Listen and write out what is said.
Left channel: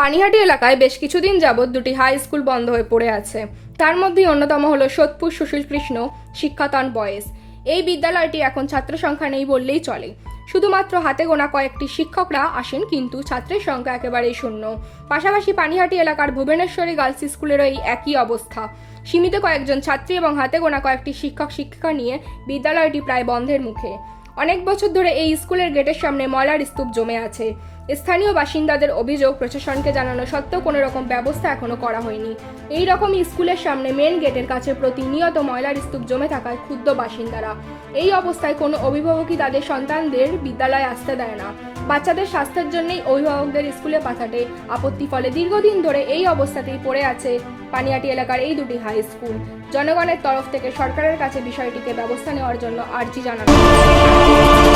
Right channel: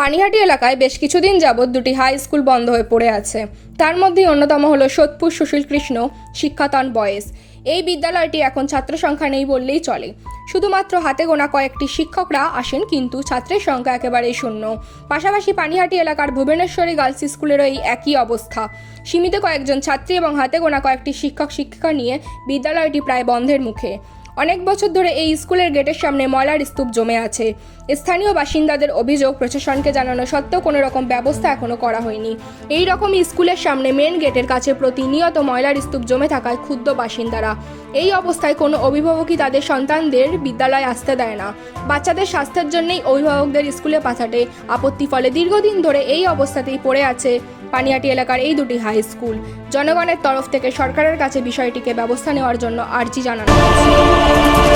পানিহাটি এলাকায় বেশ কিছুদিন যাবৎ দুটি হাই স্কুল বন্ধ হয়ে পড়ে আছে। তার মধ্যেই অন্যতম হলো সোদপুর সুশীল কৃষ্ণ শিক্ষাতান বয়েজ। এই বিদ্যালয়টি এখন ছাত্র সংখ্যা নেই বললেই চলে। শুধুমাত্র হাতে গোনা কয়েকটি শিক্ষকরা আসেন, কিন্তু ছাত্রের সংখ্যা একেবারেই শূন্য। পাশাপাশি পানিহাটি এলাকার ভুবনেশ্বরী গার্লস স্কুলেরও এই একই অবস্থা। সীমিত কয়েকজন ছাত্রী এবং হাতে গোনা কয়েকটি শিক্ষক শিক্ষিকা নিয়ে বিদ্যালয়টি প্রায় বন্ধের মুখে। অনেক বছর ধরে এই স্কুলের গেটের সামনে ময়লার স্তূপ জমে আছে। স্থানীয় বাসিন্দাদের অভিযোগ, প্রশাসনকে জানানো সত্ত্বেও কোনো রকম ব্যবস্থা এখনো করা হয়নি। এই রকমই স্কুলের সামনে মেন গেটের কাছে প্রতিনিয়ত ময়লার স্তূপ জমে থাকায় ক্ষুব্ধ বাসিন্দারা। এই অবস্থায় কোনো অভিভাবকই তাদের সন্তানদের বিদ্যালয়ে আসতে দেয় না। বাচ্চাদের স্বাস্থ্যের জন্যই অভিভাবকদের স্কুলে পাঠাতে আপত্তি, ফলে দীর্ঘদিন ধরে এই অবস্থাতেই পড়ে আছে পানিহাটি এলাকার এই দুটি হাই স্কুল। জনগণের তরফ থেকে সরকারের কাছে বিষয়টিকে ব্যবস্থা নেওয়ার জন্য আর্জি জানানো হয়েছে।